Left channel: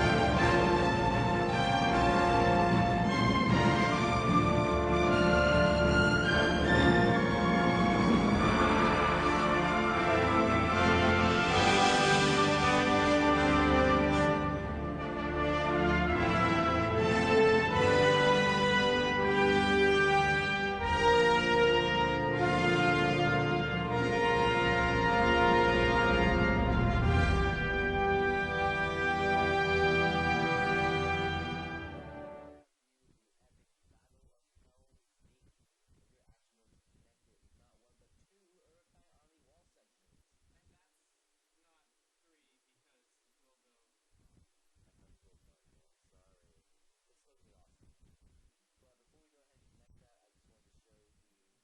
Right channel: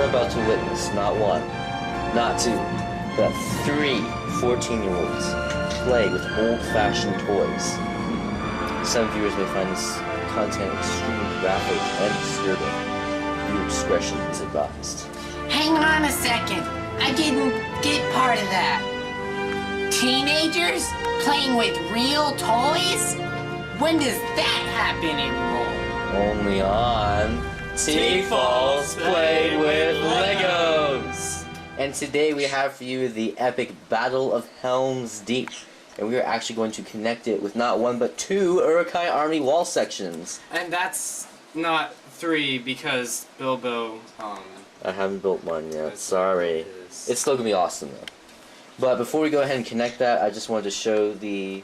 you're about to witness not one, not two, but 3 14-year-olds play with old-fashioned toys. Some viewers may find this content extremely graphic and disturbing. Your discretion is advised. Hang on a second. I didn't get part of that. Teenagers playing with real toys? When does that happen anymore? Only on TFOLs Play with Legos! And today we have for you the epic Battle of Helm's Deep. And we are actually going to connect it with not one but 2 Uruk-Hai army wall sections. And that's not 3 because Bilbo, I haven't built one yet, sorry. It's still gonna be awesome though. But before we go ahead and connect that, I just wanted to show the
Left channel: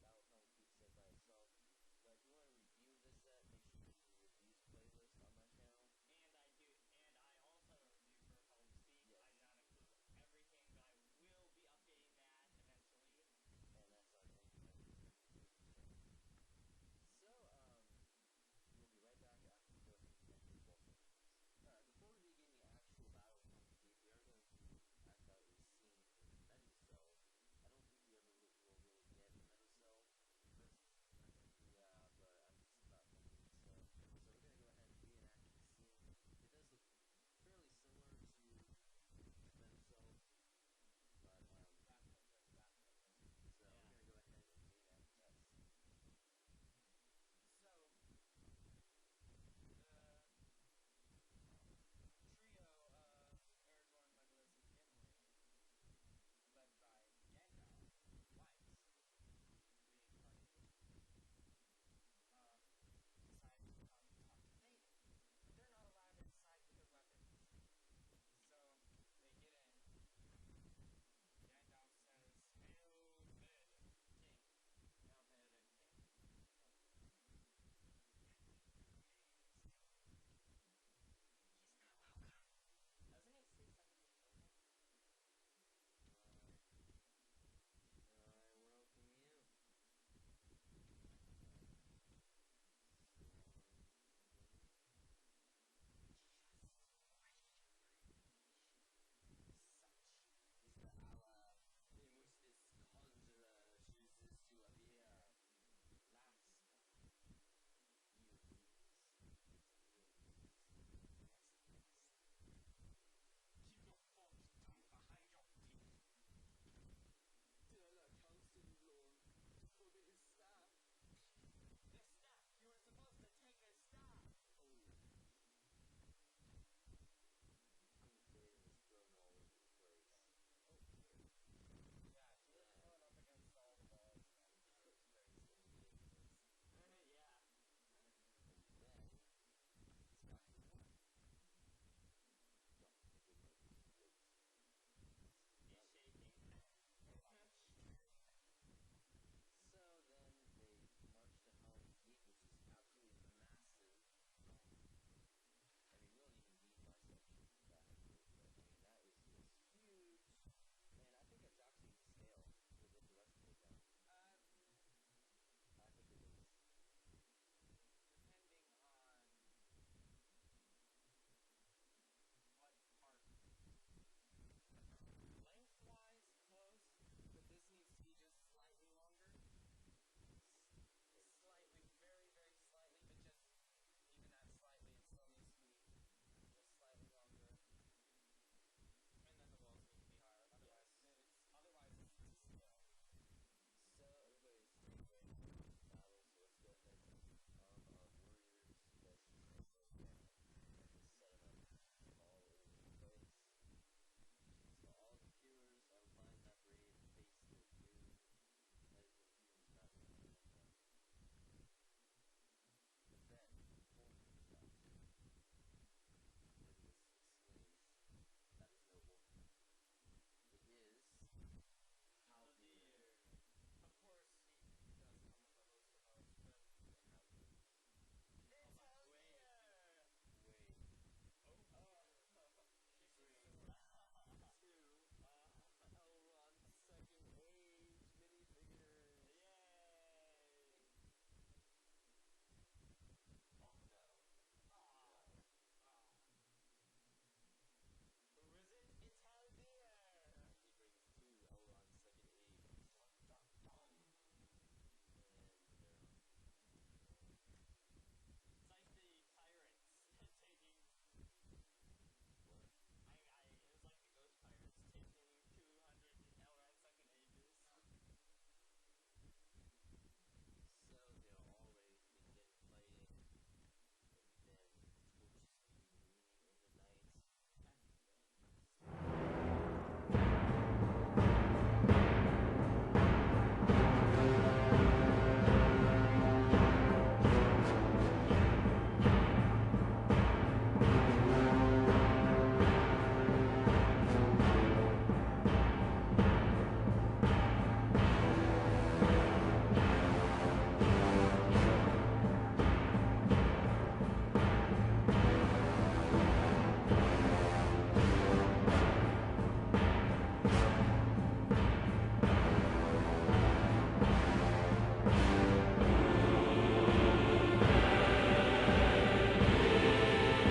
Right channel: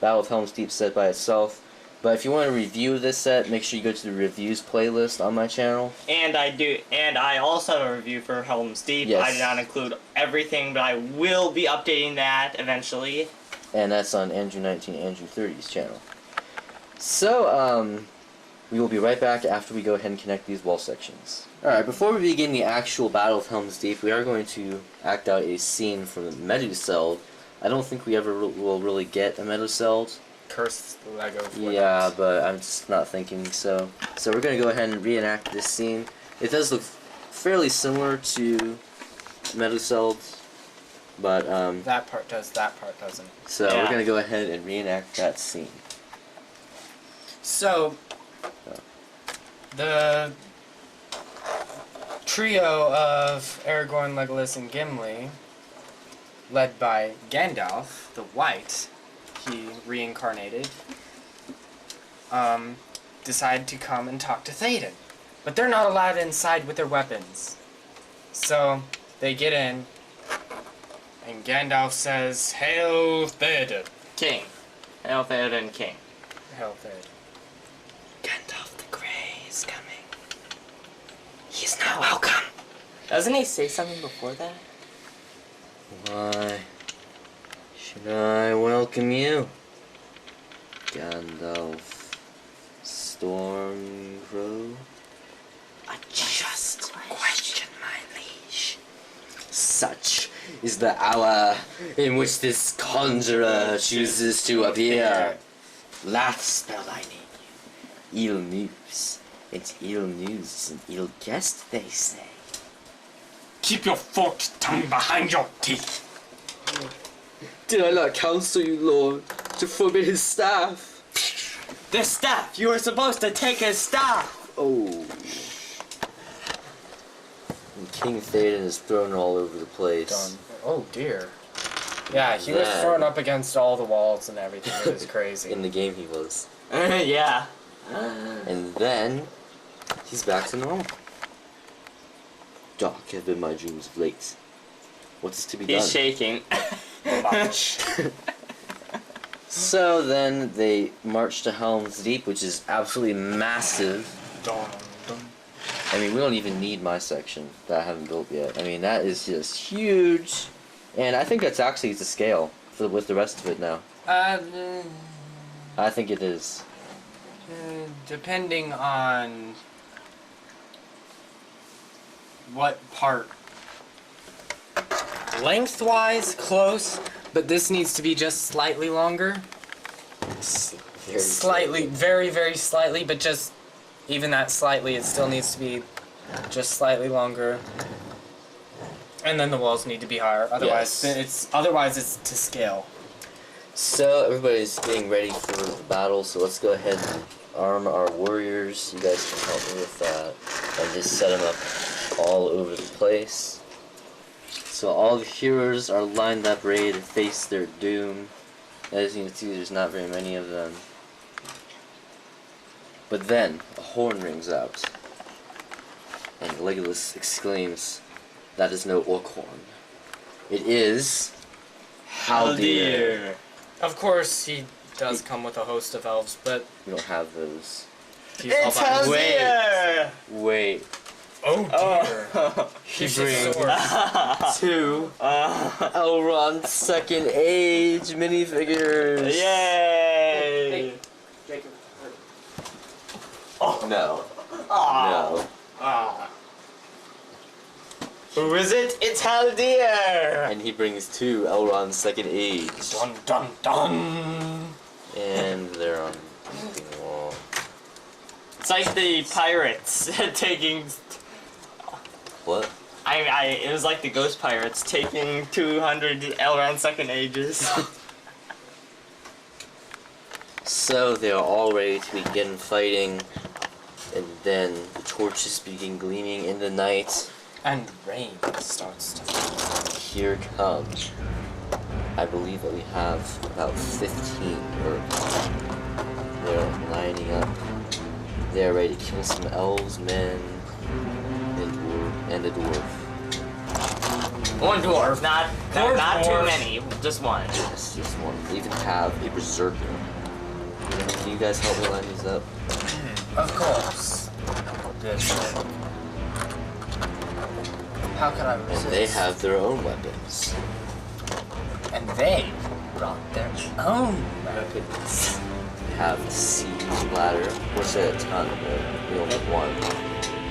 Battle of Helm's Deep set by itself. But if you want to review this set, make sure you go to the reviews playlist on my channel. And I also have a review for Helm's Deep. Yes. I did not include everything, but I will be updating that eventually. And that's on Andrew19, Andrew30's channel. So, we will be right back after we go ahead and connect these wall sections. Alright, before we begin the actual Battle of Helm's Deep, we are going to act out a scene from the Meduseld. I don't think we ever will really get a Meduseld. cursed Lego. Yeah, but I'm just not thinking so. So we're going to go ahead and reenact this scene. It does look fairly similar to Meduseld, but that part does, that part doesn't. so Yeah. we're going to go ahead and reenact that scene. So, the trio of Aragorn, Legolas, and Gimli, led by Gandalf, the White, he reincarnated, decide to come and talk to Théoden. But they're not allowed inside with their weapons. So, they get in, and Gandalf says, "Hail Théoden." King. Hail Théoden King. Hail Théoden. Gandalf the Grey is coming. He's not welcome. Doesn't he say something before that? Why should I welcome you, Gandalf Stormcrow? I just question my liege. Such is the hour in which this conjurer chooses to appear. Last spell I name you. Ill news. It's ill news is an ill guest, they say. Keep your forked tongue behind your teeth. Did I not counsel you, Lord, to forbid his staff? The staff! You were supposed to take his staff! Oh. And King Théoden is thrown all over the place. Done. Oh dear. Yeah, he was Then- thrown up against all the walls and everything. It was crazy. In the game he was. Yeah. And then, he's back to normal. Dark have been my dreams of late. What is to be done? He's shaking. So then they march to Helm's Deep, which is absolutely massive. Dun, dun. I mean, we don't even need my section that I haven't built yet. I mean, that is just huge. And I think that's actually to scale with the rest of it now. I think it is. Depending on what part. Lengthwise, close, but this needs to be just slightly longer. Very Slightly, very, very slightly, but just even that slightly, it still needs to be just slightly longer. And then the walls need to be higher. Otherwise, Yes. it's to scale. So everybody's getting ready for the battle, so let's go ahead and arm our warriors. You guys can help me with that. And just set them up all over the place. So all the heroes are lined up ready to face their doom. As you can see, there's not very many of them. But then, a horn rings out. And Legolas exclaims, "That is no orc horn. It is Haldir." Of course, he does come with a host of elves, but We don't have those. he's all It's by himself. Haldir! Wait. Oh dear. He He should brings soar. 2 Elrond Second Age minifigures. Yay! Jacob. No. Aw. No. Ah. Who is it? It's Haldir! And he brings 2 Elrond's second age. Dun dun dun. And they're on the wall. It's like the pirates taking... What? it was like the ghost pirates taking 200 Elrond second ages. So they are all ready to begin fighting, and then the torches begin gleaming in the night. And rain starts to fall. Here comes. I believe that we have about 15 Uruk-Hai. They're lining up. They're ready to kill some elves, men, and a dwarf. One dwarf, not too many, just one. Yes, just one. They even have a berserker. Can you guys help me line these up? Of course. How could I resist? They have their own weapons. And they brought their own weapons. They have the siege ladder, which at a ton, we only have one.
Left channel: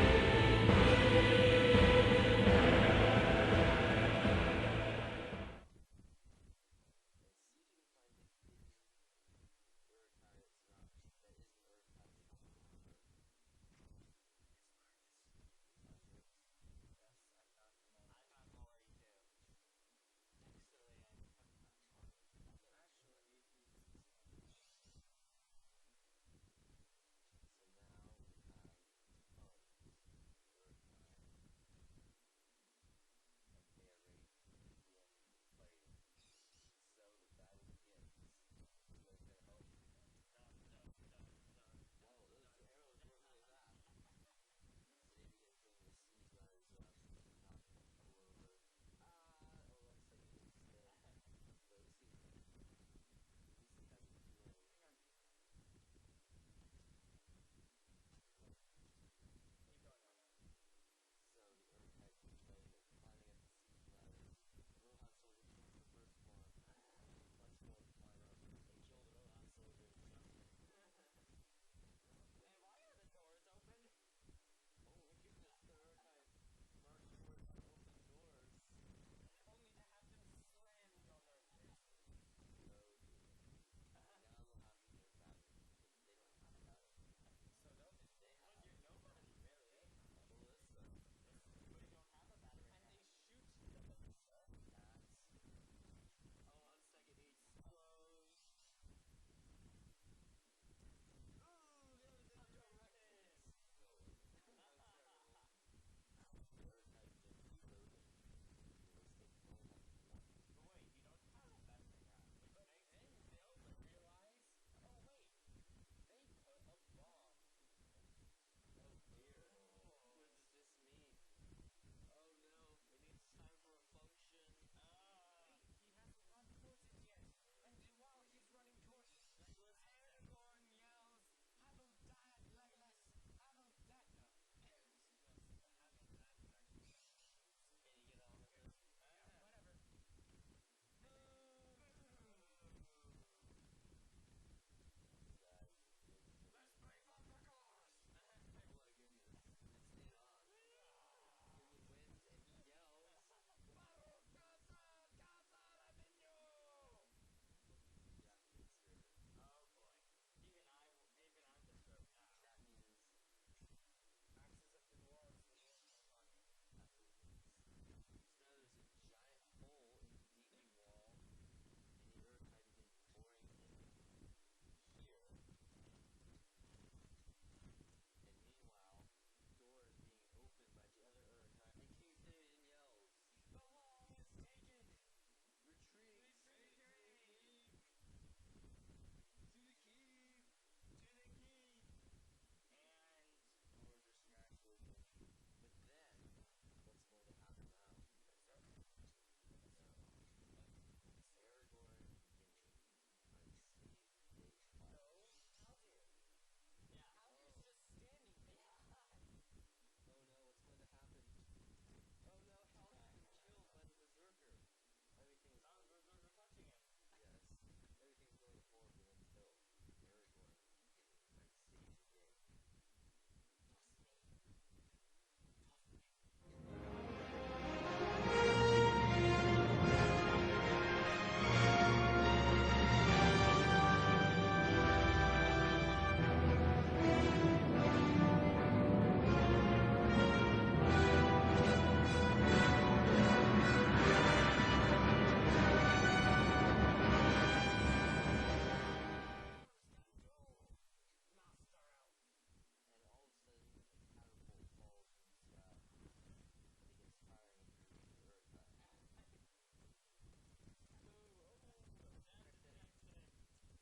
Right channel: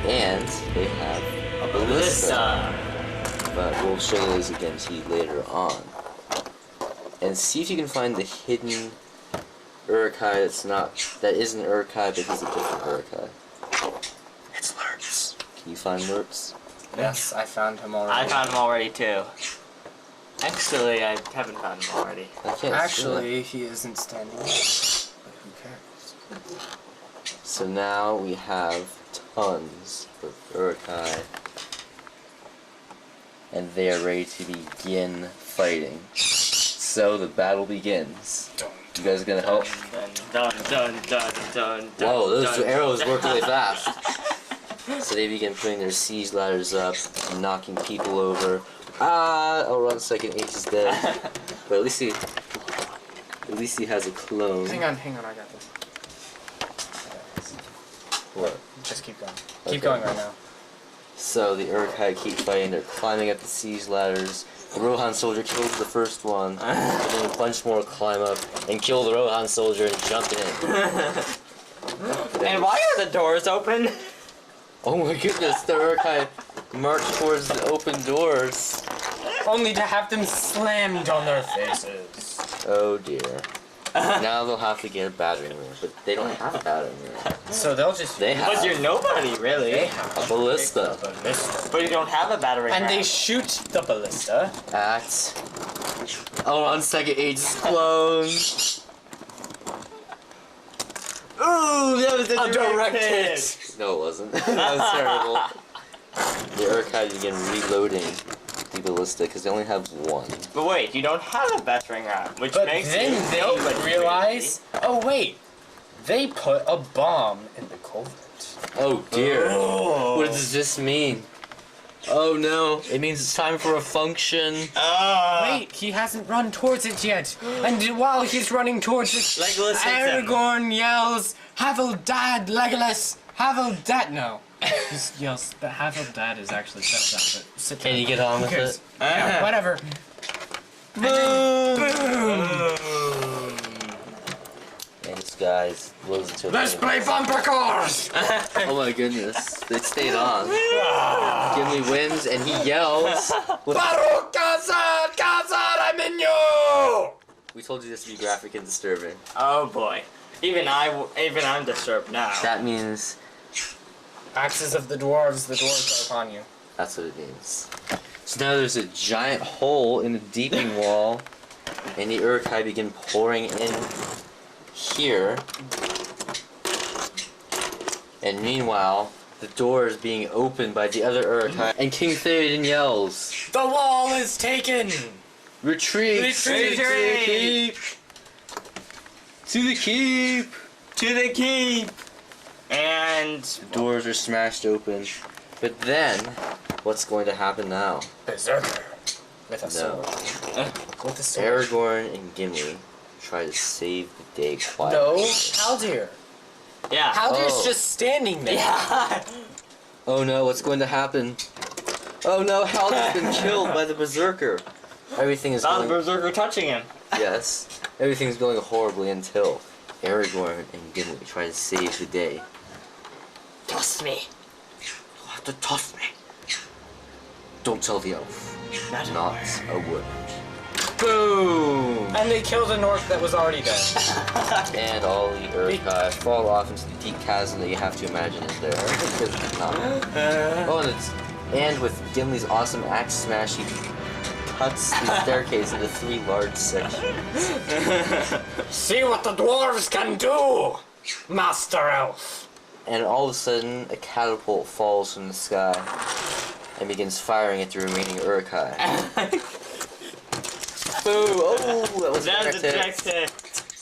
And they have a ballista. But we'll show those again to you later on. And see if you can find the hidden Uruk-Hai that isn't Uruk-Hai, but he's a different Uruk-Hai. It's Lurtz. Can you find Lurtz? Yes, I found him already. I found him already too. Actually, I haven't found him already. I can't Actually, he isn't standing up. But who cares? So now we have tons of Uruk-Hai. And they are ready to begin fighting. So the battle begins. You guys gonna help? Dun dun dun dun dun. Whoa, those dun, arrows dun. work really fast. So they begin putting their siege ladders up, knocking people over. Elrond's second age is dead. But at least he has a clone. Hang on, I got this. What? Just keep going. Okay. Keep going right now. So the Uruk-Hai keep fighting, they're climbing up the siege ladders. The Rohan soldier kills the first one, and then a bunch more climb up and kill the Rohan soldier and jump in. And why are the doors open? Oh my goodness, the Uruk-Hai march towards the open doors. Only to have them slammed on their faces. Oh dear. Now they'll have to get a battering ram, but they don't have a battering ram. So they'll just... They have But you're nobody, really. They have a ballista ballista. But you don't have a battery. And they ram. shoot the ballista. at Elrond's second age's clone. Ooh, that was A direct hit. No, it wasn't. That was terrible. The Uruk-Hai begin reloading the ballista because they only have one. But wait, you don't have a battering ram, which But makes then you they nobody, realize... Oh wait, they put a bomb in the culvert. Oh dear. Oh. What does this mean? Oh no, it means it's time for a function. Wait, he hasn't run towards it yet. And while he's running towards it, Legolas hits him. Aragorn yells, Havel Dad, Legolas! Havel Dad! No. He yells, but Havel Dad is actually set up, but sit down. Can you get on with Who it? cares? Yeah, whatever. Boom! And this guy's blows into Let's play bumper cars! Oh my goodness, they stayed on. Gimli wins and he yells. Baruch Kazan! Kazan, I'm in you! We told you this to be graphic and disturbing. Oh boy. Even I'm disturbed now. That means Axes of the dwarves are upon you. that's what it means. So now there's a giant hole in the deeping wall, and the Uruk-Hai begin pouring in here. And meanwhile, the door is being opened by the other Uruk-Hai, and King Theoden yells, The wall is taken! "Retreat! Retreat! To the keep! To the keep!" To the keep! And The doors are smashed open. But then, what's going to happen now? Berserker. With a No. sword. With a sword. Aragorn and Gimli try to save the day No, quietly. Haldir. yeah. Haldir's Oh. just standing there. Yeah. Oh no, what's going to happen? Oh no, Haldir's been killed by the Berserker. Everything is Not the going... berserker touching him. Yes. Everything's going horribly until Aragorn and Gimli try to save the day. Toss me. You'll have to toss me. Don't tell the elf. Not Not a word. Boom! And they killed an orc that was already dead. And all the Uruk-Hai fall off into the deep chasm that you have to imagine is there. Because it's not. Oh, and with Gimli's awesome axe smash, he cuts the staircase into 3 large sections. See what the dwarves can do, Master Elf! And all of a sudden, a catapult falls from the sky and begins firing at the remaining Uruk-Hai. Boo! Oh, that was a direct hit.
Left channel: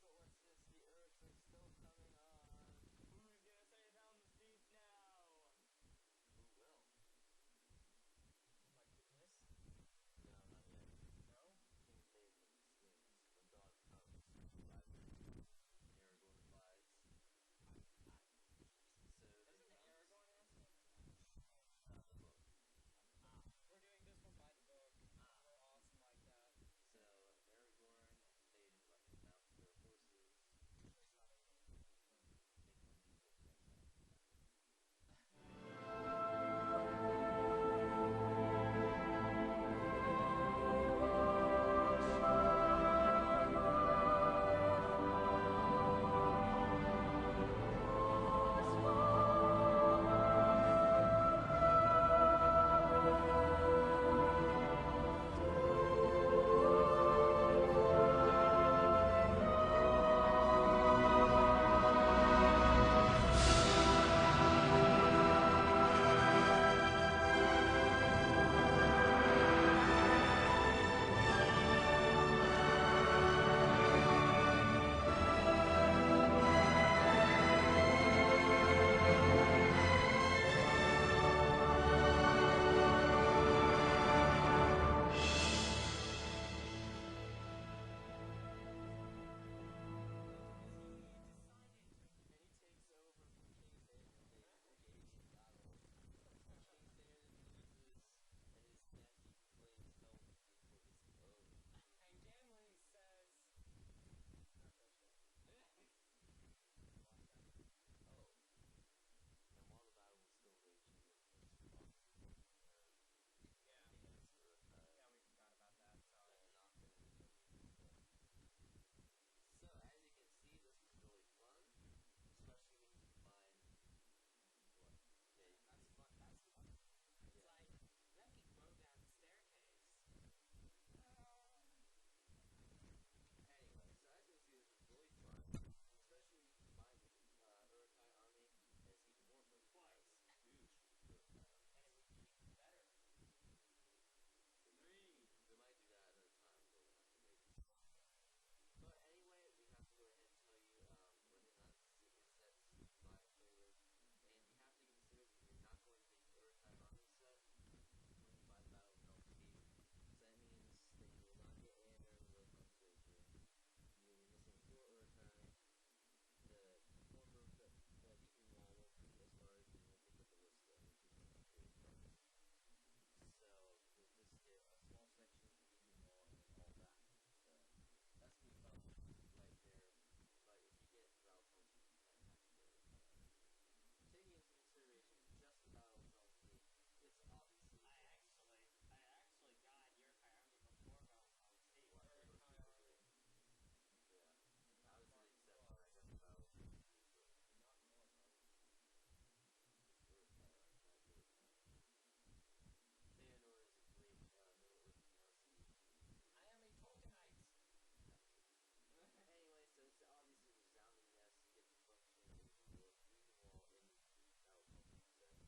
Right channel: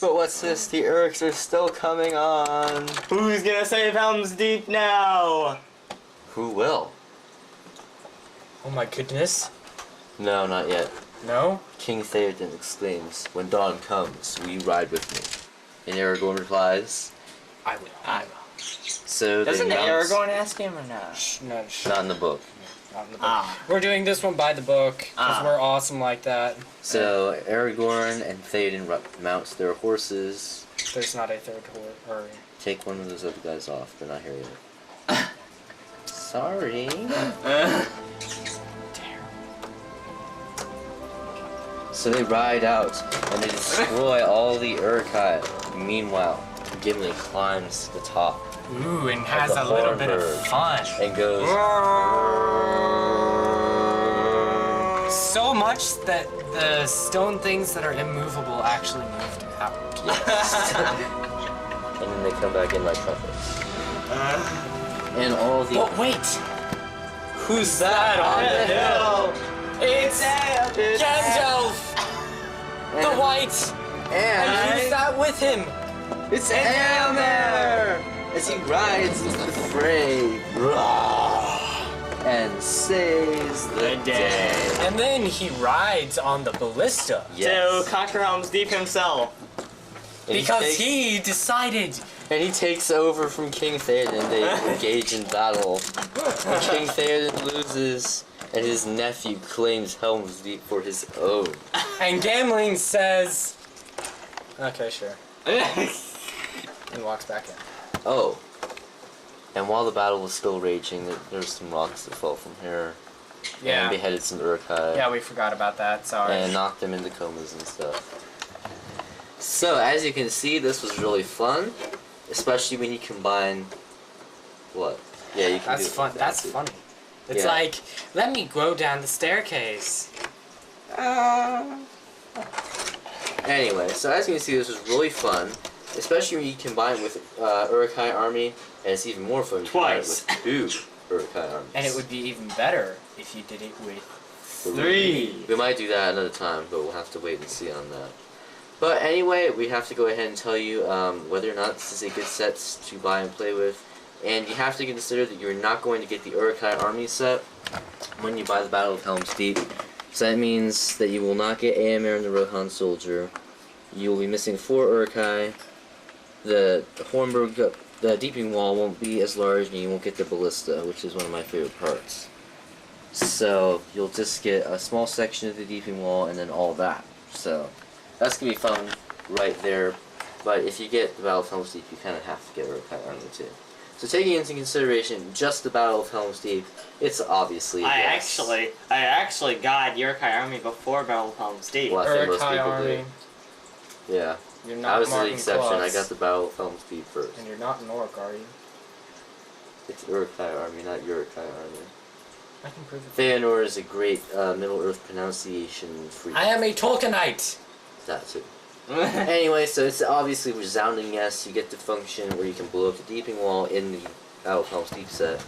But what's this? The Uruks are still coming on. Who's gonna save Helm's Deep now? Who will? Oh my goodness. No, not yet. No? King Theoden exclaims, "When dawn comes, will you ride with me?" And Aragorn replies, I will. So Doesn't they mount... Aragorn ask him or not? No, Not in the book. Not in the book. We're doing this one by the book, because we're awesome like that. So Aragorn and Theoden mounts their horses. There's not a third horse. Or... Take one of those other guys off. They're not here yet. Sorry. So they ride out and they destroy all the Uruk-Hai. Meanwhile, Gimli climbs to the top Ooh, and has a little bit of fun. and goes. So much that the stone things that are immovable actually moved out. And then they come back in like trumpets. And all the. Oh, wait! Who's that on the hill? It's Gandalf! The White! And who's that with him? It's Helm! As he rides into the fray and saves the day. And then he rides on the ballista. To conquer Helm's Deep himself. And Because takes- he decided. And he takes over from King Theoden. They engage in battle. And King Theoden loses, and his nephew claims Helm's Deep for his own. And Gamling says, okay, sure. And walks back in. Oh. And while the battle was still raging, there's some rocks that fell from here. Yeah. And beheaded some Uruk-Hai. Yeah, we forgot about that. Sorry. And knocked them into comas and stuff. So, as you can see, this was really fun. Especially when you combine... What? Yeah, you can That's do it fun. like that That's too. funny. It's Yeah. like, let me go down the staircase. Anyway, so as you can see, this was really fun. Especially when you combine it with Uruk-Hai army. And it's even more fun when you combine it Twice. with 2 Uruk-Hai armies. And it would be even better if you did it with 3. We might do that another time, but we'll have to wait and see on that. But anyway, we have to go ahead and tell you whether or not this is a good set to buy and play with. And you have to consider that you're not going to get the Uruk-Hai army set when you buy the Battle of Helm's Deep. So that means that you will not get Éomer and the Rohan Soldier. You will be missing 4 Uruk-Hai. The Hornburg, the Deeping Wall won't be as large, and you won't get the Ballista, which is one of my favorite parts. So you'll just get a small section of the Deeping Wall and then all that. So that's gonna be fun right there. But if you get the Battle of Helm's Deep, you kind of have to get Uruk-Hai army too. So taking into consideration just the Battle of Helm's Deep, it's obviously a I yes. actually got Uruk-Hai army before Battle of Helm's Deep. Well, I think most Uruk-Hai people army. do. Yeah, You're I not was the Martin exception. I Claus. got the Battle of Helm's Deep first. And you're not an orc, are you? It's Uruk-Hai army, not Uruk-Hai army. I can prove it. Feanor is a great Middle Earth pronunciation for I am a Tolkienite! that too. Anyway, so it's obviously a resounding yes. You get the function where you can blow up the Deeping Wall in the Battle of Helm's Deep set.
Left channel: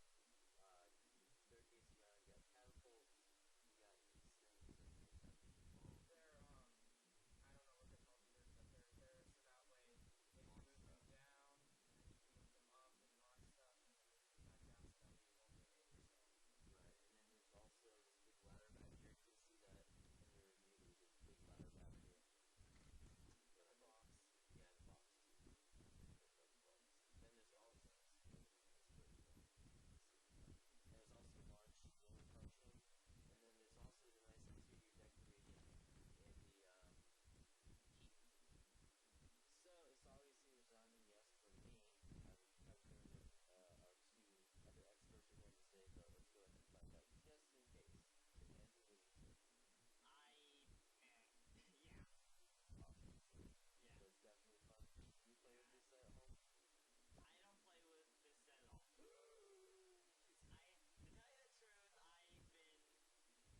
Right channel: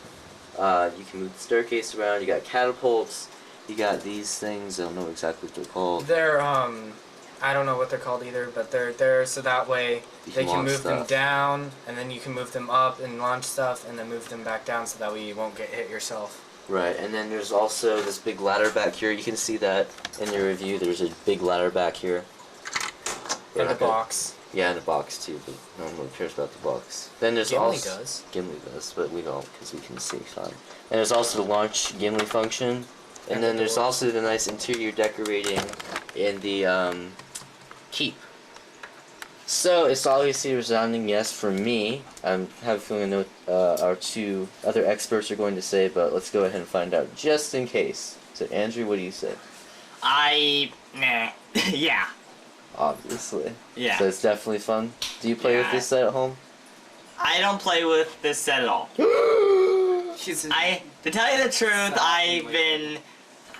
You can move the staircase around. You got catapults. You got these things. I don't know exactly what they're called. They're, I don't know what they're called either, but they're there so that way You they can launch move them stuff. down, and then you can move them up and launch stuff, and then move them back down so that way you won't get hit yourself. Right, and then there's also this big ladder back here. You can see that in the review. There's a big ladder back here. We're In the not gonna- box. Yeah, in the box too, but no one really cares about the box. Then there's Gimli also does. Gimli does, but we don't because we can see fine. And there's also the launch Gimli function, and And then the there's doors. also the nice interior decorating in the keep. So it's obviously a resounding yes for me. I have a feeling I know what our two other experts are going to say, but let's go ahead and find out just in case. So Andrew, what do you say? Nah. Yeah. Obviously. Yeah. So it's definitely fun. Do you play with this set at home? I don't play with this set at all. To tell you the truth,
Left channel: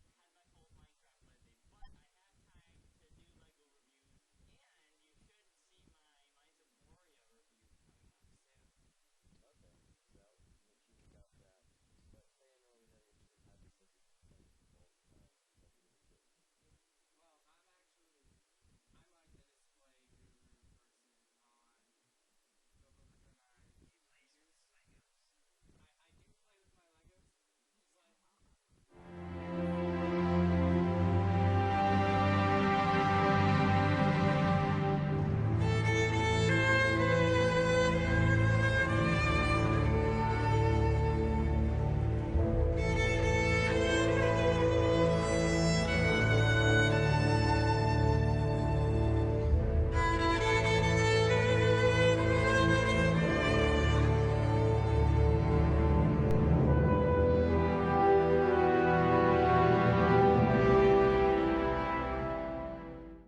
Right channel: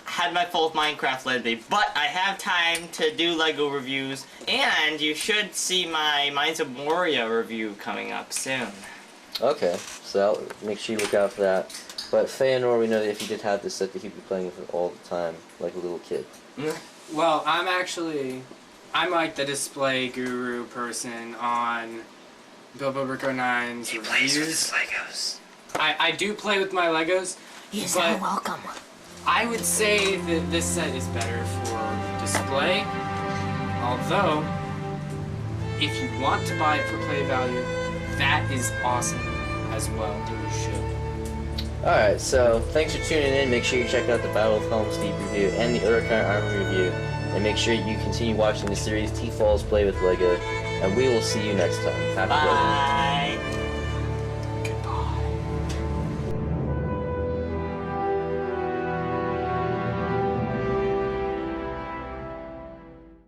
had my full Minecraft lately, but I have time to do LEGO reviews, and you should see my Mines of Moria review coming up soon. Okay, so I'll make sure you look out for that. But Feanor, we know that if you did have this set, that he'd be playing with it all the time, like a little kid. Well, I'm like the display guru person on Bilbo Rico 9's reviews. Plays with his Legos. I do play with my Legos. He's but so welcome. I would say that this set is better for display. Although, if you want to buy it for play value, that is awesome as well. You should. Alright, so thanks for tuning in. Make sure you check out the Battle of Helm Steep review and the Uruk-Hai Army review. And make sure you continue watching the series TFOLs Play with LEGO. And we will see you next time. Have a good one. Bye.